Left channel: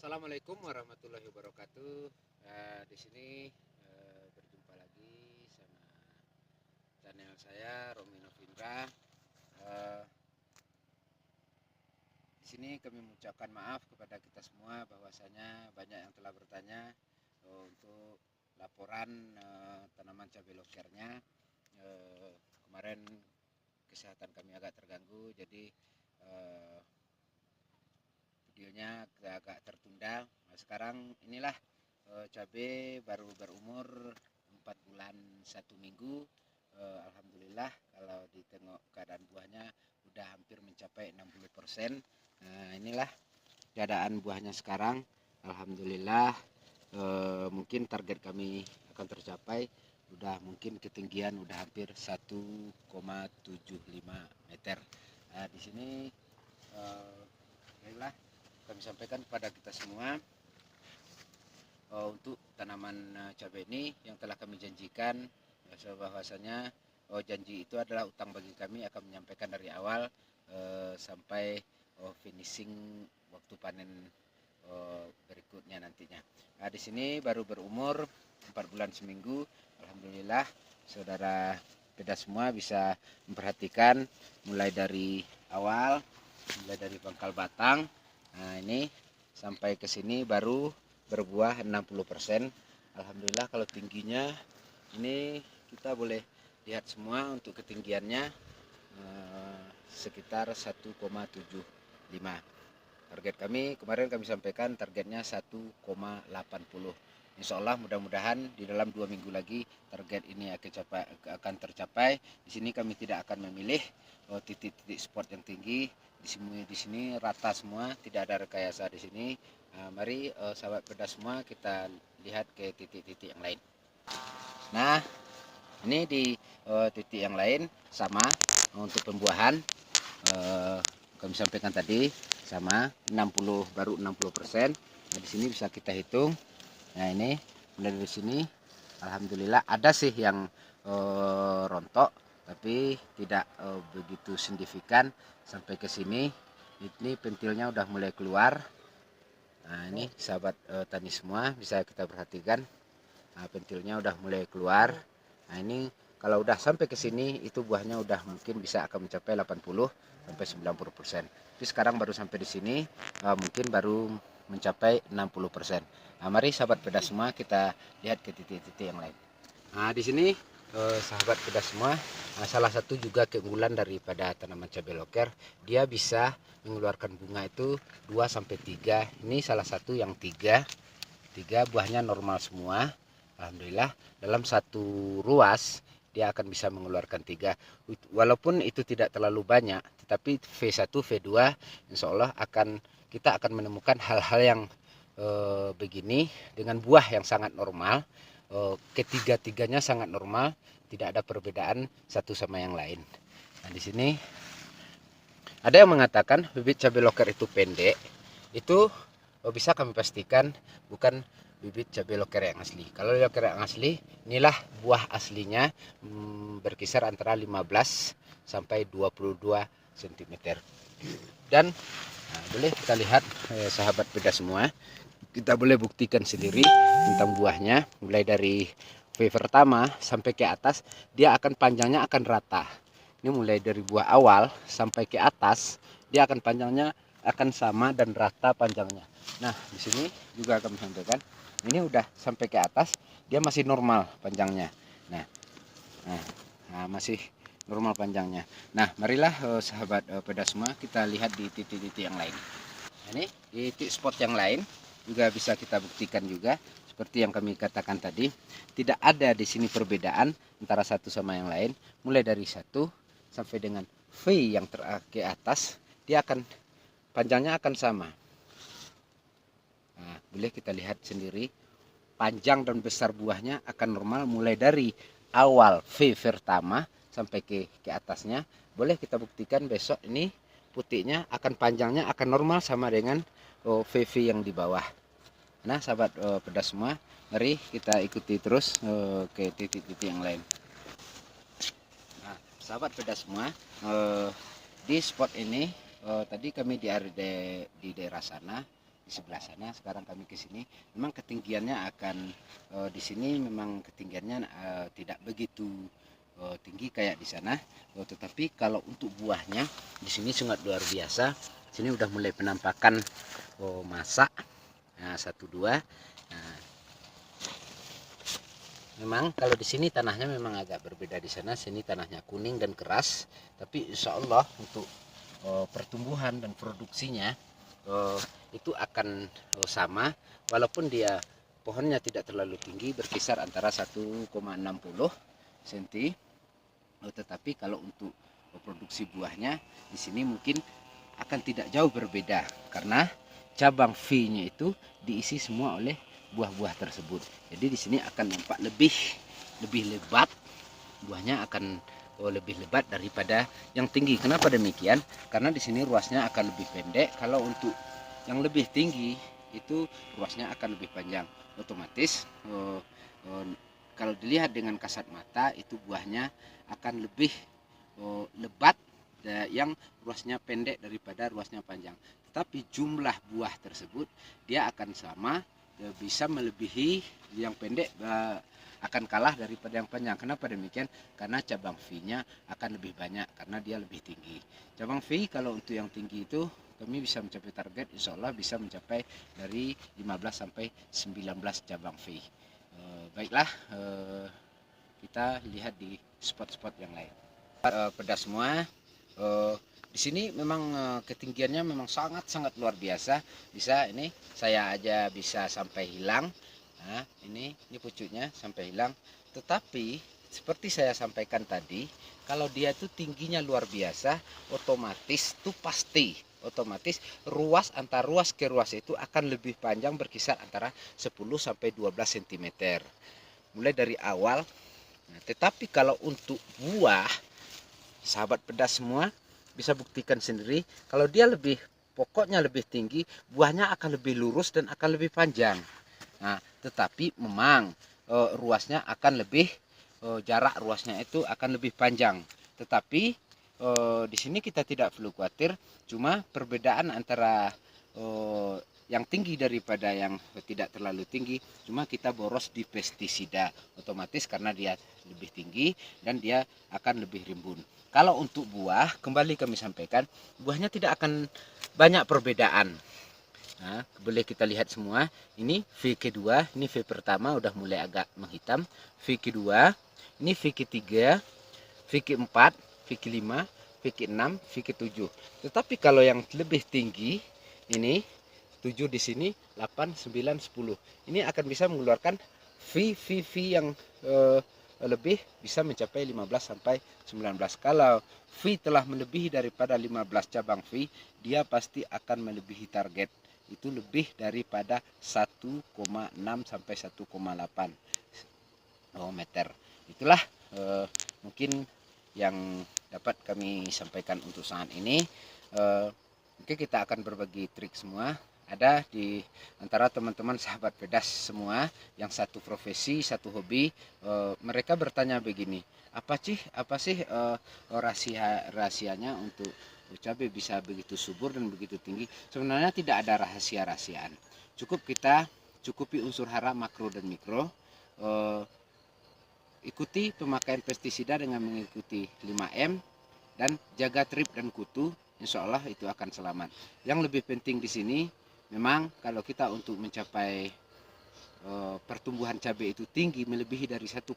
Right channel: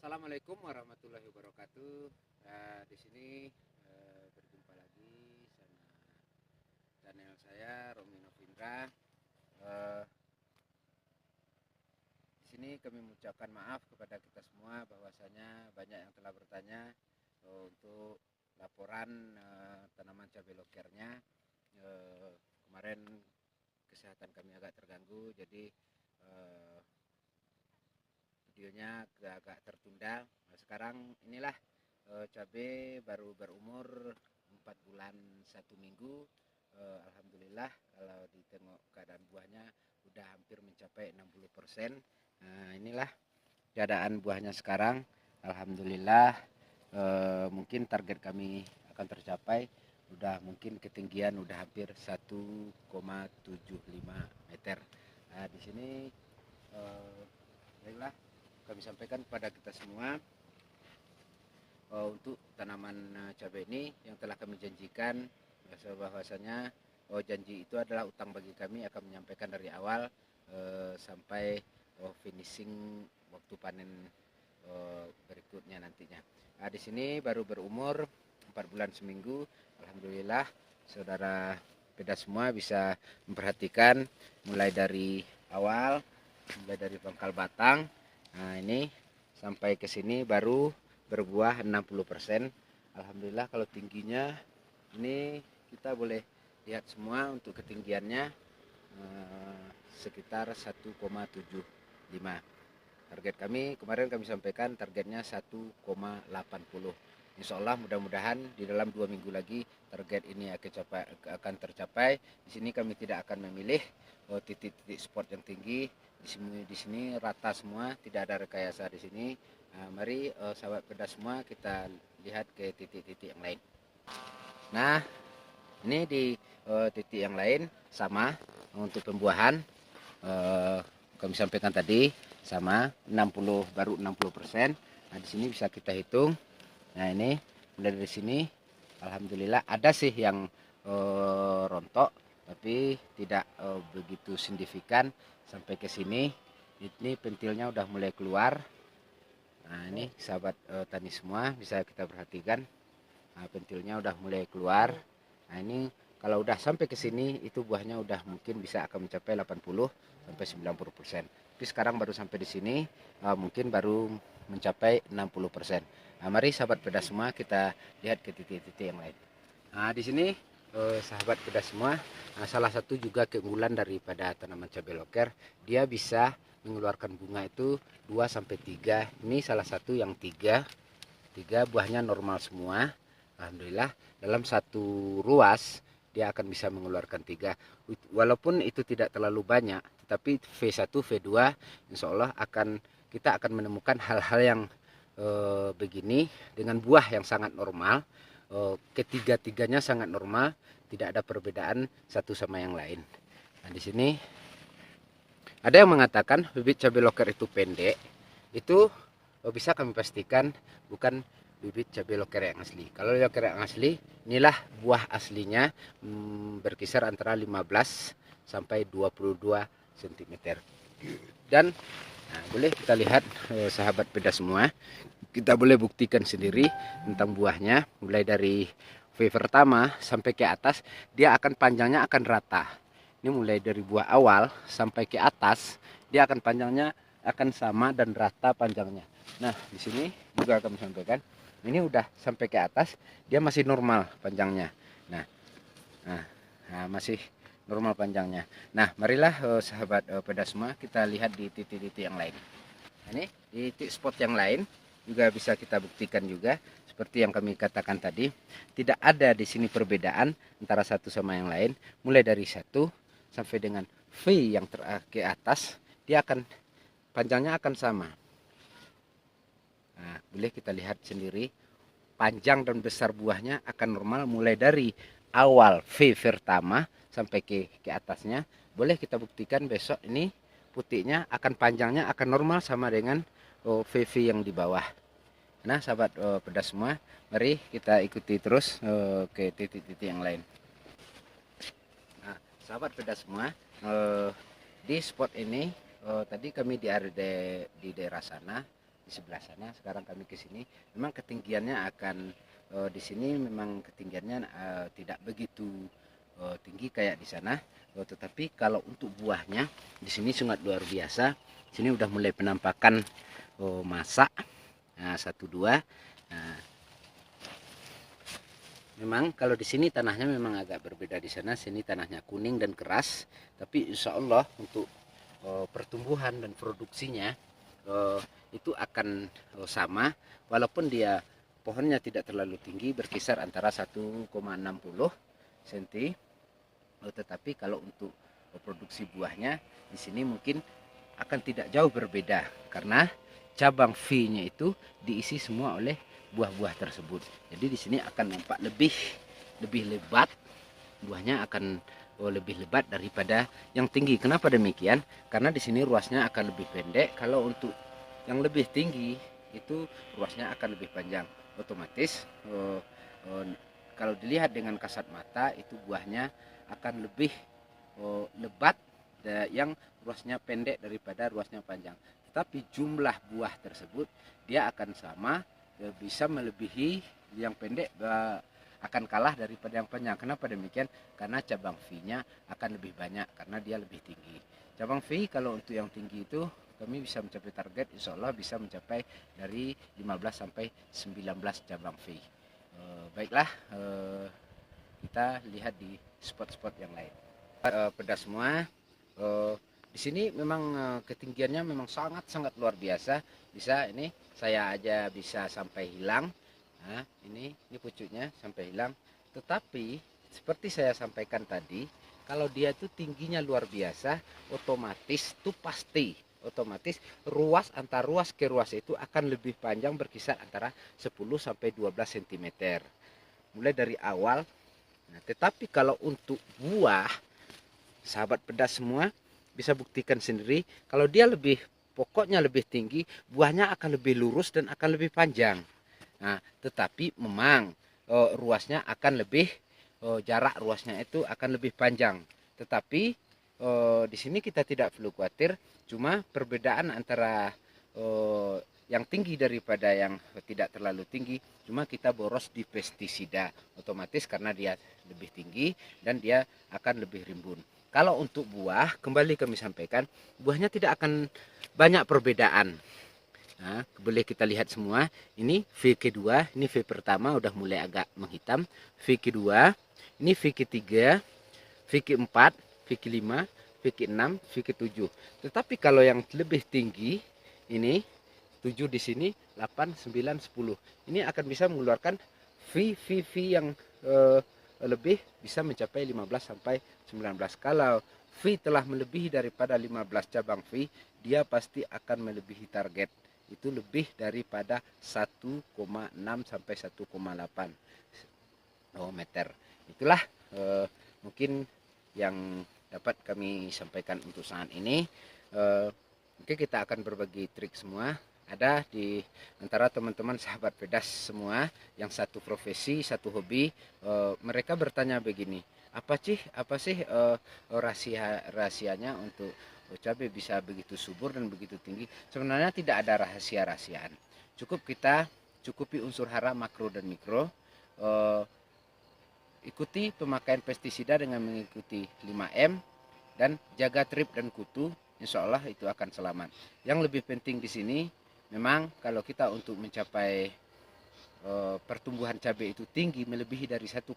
Assalamualaikum warahmatullahi wabarakatuh. Di sini berjumpa lagi sama channel saya Romi Novindra. Eh, di sini kami mengucapkan maaf kepada kita semua bahwasanya banyak yang telah bertanya untuk laporan tanaman cabai lokernya. Kemarin kesehatan kami agak terganggu, jadi eh, videonya agak tertunda. Nah, sekarang inilah cabai baru berumur 4 bulan 1 minggu. Alhamdulillah kalau ditengok keadaan buahnya udah hampir mencapai 60%. Nah, inilah keadaan buahnya sekarang. Alhamdulillah, mungkin target kami akan tercapai. Udah mungkin ketinggian udah hampir 1,75 meter. Nah, di sini baiklah kami sampaikan kepada kita semua untuk tanaman cabai ini yang telah kami janjikan, bahwasanya janji itu adalah utang bagi kami, akan menyampaikan dari awal sampai finishing waktu panen berikutnya nantinya. Nah, di sini baru berumur 4 bulan seminggu. Alhamdulillah saudara kita semua bisa memperhatikan mulai dari awal, mulai dari pangkal batang. Nah, ini sampai ke sini baru berbuah 60%. Alhamdulillah kalau tingginya ini kita boleh lihat semua untuk ketinggiannya sekitar 1,75. Target kami kemarin kami sampaikan targetnya 1,80. Insya Allah mudah-mudahan di dalam 2 minggu lagi target ini akan tercapai. Di sini kami tidak akan memilih titik-titik spot yang tinggi. Di sini rata semua, tidak ada rekayasa di sini. Nah, mari sahabat pedas semua kita lihat ke titik-titik yang lain. Nah, ini di titik yang lain sama untuk pembuahan kami sampaikan tadi sama 60 baru 60%. Nah, di sini bisa kita hitung. Nah, ini mulai dari sini alhamdulillah ada sih yang rontok tapi tidak begitu signifikan sampai ke sini. Ini pentilnya udah mulai keluar. Nah, ini sahabat tani semua bisa kita perhatikan. Nah, pentilnya udah mulai keluar. Nah, ini kalau udah sampai ke sini itu buahnya udah mungkin bisa akan mencapai 80 sampai 90%. Tapi sekarang baru sampai di sini mungkin baru mencapai 60%. Nah, mari sahabat pedas semua kita lihat ke titik-titik yang lain. Nah, di sini sahabat pedas semua, salah satu juga keunggulan daripada tanaman cabai loker, dia bisa mengeluarkan bunga itu 2 sampai 3. Ini salah satu yang 3. 3 buahnya normal semua. Alhamdulillah dalam satu ruas dia akan bisa mengeluarkan 3. Walaupun itu tidak terlalu banyak, tetapi V1, V2 insya Allah kita akan menemukan hal-hal yang begini dengan buah yang sangat normal. Ketiga-tiganya sangat normal, tidak ada perbedaan satu sama yang lain. Nah, di sini ada yang mengatakan bibit cabai loker itu pendek. Itu bisa kami pastikan bukan bibit cabai loker yang asli. Kalau loker yang asli, inilah buah aslinya berkisar antara 15 sampai 22 cm. Dan boleh kita lihat sahabat pedas semua, kita boleh buktikan sendiri tentang buahnya. Mulai dari V pertama sampai ke atas, dia akan panjangnya akan rata. Ini mulai dari buah awal sampai ke atas, dia akan panjangnya akan sama dan rata panjangnya. Nah, di sini juga akan sampaikan, ini udah sampai ke atas, dia masih normal panjangnya. Nah, masih normal panjangnya. Nah, marilah sahabat pedas semua kita lihat di titik-titik yang lain. Ini di titik spot yang lain juga bisa kita buktikan juga seperti yang kami katakan tadi, tidak ada di sini perbedaan antara satu sama yang lain. Mulai dari 1 sampai dengan V yang ke atas, dia akan panjangnya akan sama. Nah, boleh kita lihat sendiri panjang dan besar buahnya akan normal mulai dari awal V pertama sampai ke atasnya. Boleh kita buktikan besok ini putihnya akan panjangnya akan normal sama dengan VV yang di bawah. Nah, sahabat pedas semua, mari kita ikuti terus ke titik-titik yang lain. Nah, sahabat pedas semua, di spot ini tadi kami di daerah sana di sebelah sana. Sekarang kami ke sini. Memang ketinggiannya akan di sini memang ketinggiannya tidak begitu tinggi kayak di sana. Tetapi kalau untuk buahnya di sini sangat luar biasa. Sini udah mulai penampakan masa. Nah, 1 2. Nah, memang kalau di sini tanahnya memang agak berbeda di sana. Sini tanahnya kuning dan keras. Tapi insya Allah untuk pertumbuhan dan produksinya itu akan sama, walaupun dia pohonnya tidak terlalu tinggi, berkisar antara 1,60 cm. Tetapi kalau untuk produksi buahnya di sini mungkin akan tidak jauh berbeda, karena cabang V-nya itu diisi semua oleh buah-buah tersebut. Jadi di sini akan nampak lebih lebat, buahnya akan lebih lebat daripada yang tinggi. Kenapa demikian? Karena di sini ruasnya akan lebih pendek. Kalau untuk yang lebih tinggi itu ruasnya akan lebih panjang. Otomatis kalau dilihat dengan kasat mata itu buahnya akan lebih lebat yang ruasnya pendek daripada ruasnya panjang. Tetapi jumlah buah tersebut dia akan sama, bisa melebihi yang pendek, akan kalah daripada yang panjang. Kenapa demikian? Karena cabang V-nya akan lebih banyak karena dia lebih tinggi. Cabang V kalau untuk yang tinggi itu kami bisa mencapai target, insya Allah bisa mencapai dari 15 sampai 19 cabang V. Baiklah, kita lihat di spot-spot yang lain. Pedas semua. Di sini memang ketinggiannya memang sangat luar biasa. Bisa ini saya aja bisa sampai hilang. Nah, ini pucuknya sampai hilang. Tetapi seperti saya sampaikan tadi, kalau dia itu tingginya luar biasa, otomatis itu pasti otomatis ruas antar ruas ke ruas itu akan lebih panjang, berkisar antara 10 sampai 12 cm. Mulai dari awal. Nah, tetapi kalau untuk buah, sahabat pedas semua bisa buktikan sendiri, kalau dia lebih pokoknya lebih tinggi, buahnya akan lebih lurus dan akan lebih panjang. Nah, tetapi memang ruasnya akan lebih jarak ruasnya itu akan lebih panjang. Tetapi di sini kita tidak perlu khawatir, cuma perbedaan antara yang tinggi daripada yang tidak terlalu tinggi, cuma kita boros di pestisida otomatis karena dia lebih tinggi dan dia akan lebih rimbun. Kalau untuk buah, kembali kami sampaikan, buahnya tidak akan banyak perbedaan. Nah, boleh kita lihat semua. Ini V kedua, ini V pertama udah mulai agak menghitam. V kedua, ini V ketiga, V keempat, V kelima, V keenam, V ketujuh. Tetapi kalau yang lebih tinggi, ini 7 di sini, 8, 9, 10. Ini akan bisa mengeluarkan V yang lebih, bisa mencapai 15 sampai 19. Kalau V telah melebihi daripada 15 cabang V, dia pasti akan melebihi target. Itu lebih daripada 1,6 sampai 1,8 meter. Itulah mungkin yang dapat kami sampaikan untuk saat ini. Mungkin kita akan berbagi trik semua. Ada di antara teman-teman sahabat pedas semua yang satu profesi, satu hobi. Mereka bertanya begini, apa sih rahasianya untuk cabai bisa begitu subur dan begitu tinggi? Sebenarnya tidak ada rahasia-rahasiaan. Cukup kita cukupi unsur hara makro dan mikro. Ikuti pemakaian pestisida dengan mengikuti 5M dan jaga trip dan kutu, insya Allah itu akan selamat. Yang lebih penting di sini, memang kalau kita untuk mencapai pertumbuhan cabai itu tinggi melebihi dari 1,5,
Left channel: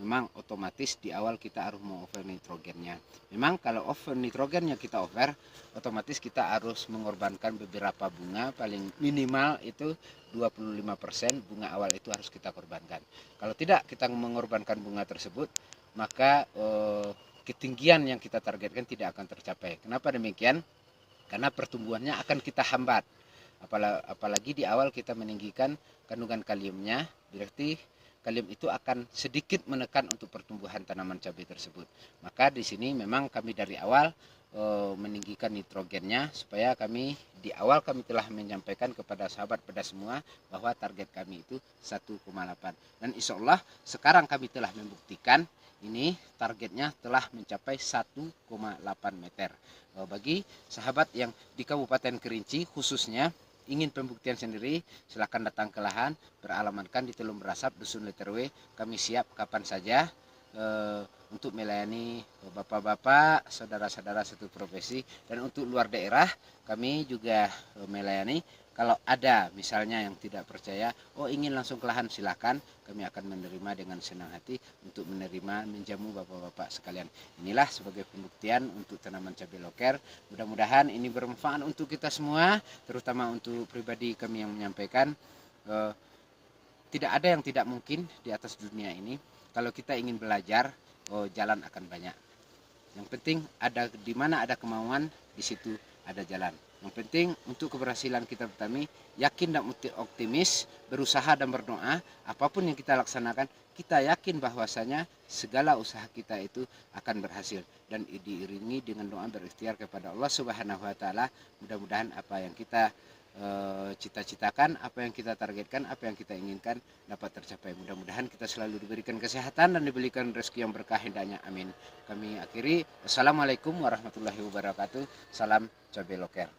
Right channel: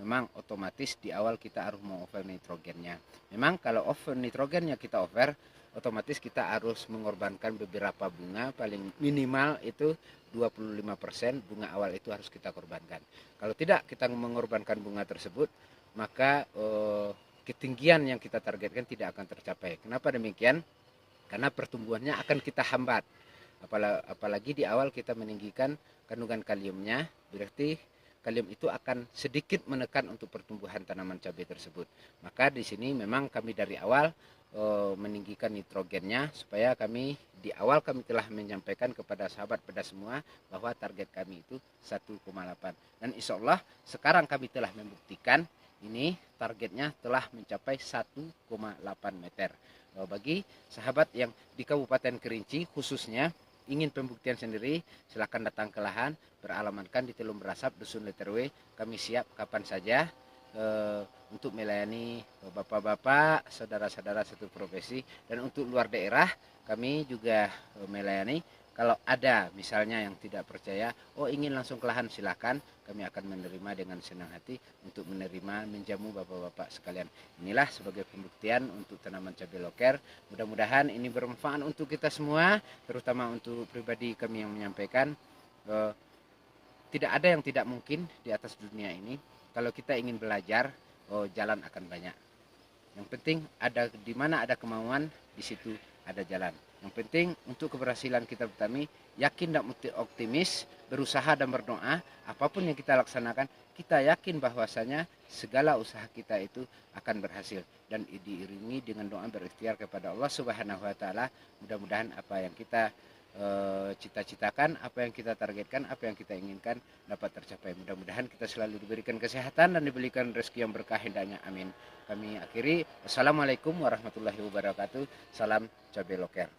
memang otomatis di awal kita harus over nitrogennya. Memang kalau over nitrogennya kita over, otomatis kita harus mengorbankan beberapa bunga, paling minimal itu 25% bunga awal itu harus kita korbankan. Kalau tidak kita mengorbankan bunga tersebut, maka ketinggian yang kita targetkan tidak akan tercapai. Kenapa demikian? Karena pertumbuhannya akan kita hambat. Apalagi di awal kita meninggikan kandungan kaliumnya, berarti kalium itu akan sedikit menekan untuk pertumbuhan tanaman cabai tersebut. Maka di sini memang kami dari awal meninggikan nitrogennya, supaya kami di awal kami telah menyampaikan kepada sahabat pedas semua bahwa target kami itu 1,8. Dan insya Allah sekarang kami telah membuktikan ini targetnya telah mencapai 1,8 meter. Bagi sahabat yang di Kabupaten Kerinci khususnya, ingin pembuktian sendiri, silakan datang ke lahan, beralamatkan di Teluk Berasap, Dusun Leterwe. Kami siap kapan saja untuk melayani bapak-bapak, saudara-saudara satu profesi, dan untuk luar daerah kami juga melayani. Kalau ada misalnya yang tidak percaya, ingin langsung ke lahan, silahkan, kami akan menerima dengan senang hati untuk menerima menjamu bapak-bapak sekalian. Inilah sebagai pembuktian untuk tanaman cabai loker. Mudah-mudahan ini bermanfaat untuk kita semua, terutama untuk pribadi kami yang menyampaikan. Tidak ada yang tidak mungkin di atas dunia ini. Kalau kita ingin belajar, jalan akan banyak. Yang penting ada di mana ada kemauan, di situ ada jalan. Yang penting untuk keberhasilan kita bertani, yakin dan optimis, berusaha dan berdoa, apapun yang kita laksanakan, kita yakin bahwasanya segala usaha kita itu akan berhasil dan diiringi dengan doa berikhtiar kepada Allah Subhanahu wa taala. Mudah-mudahan apa yang kita cita-citakan, apa yang kita targetkan, apa yang kita inginkan dapat tercapai. Mudah-mudahan kita selalu diberikan kesehatan dan diberikan rezeki yang berkah hendaknya. Amin. Kami akhiri. Wassalamualaikum warahmatullahi wabarakatuh. Salam cabai loker.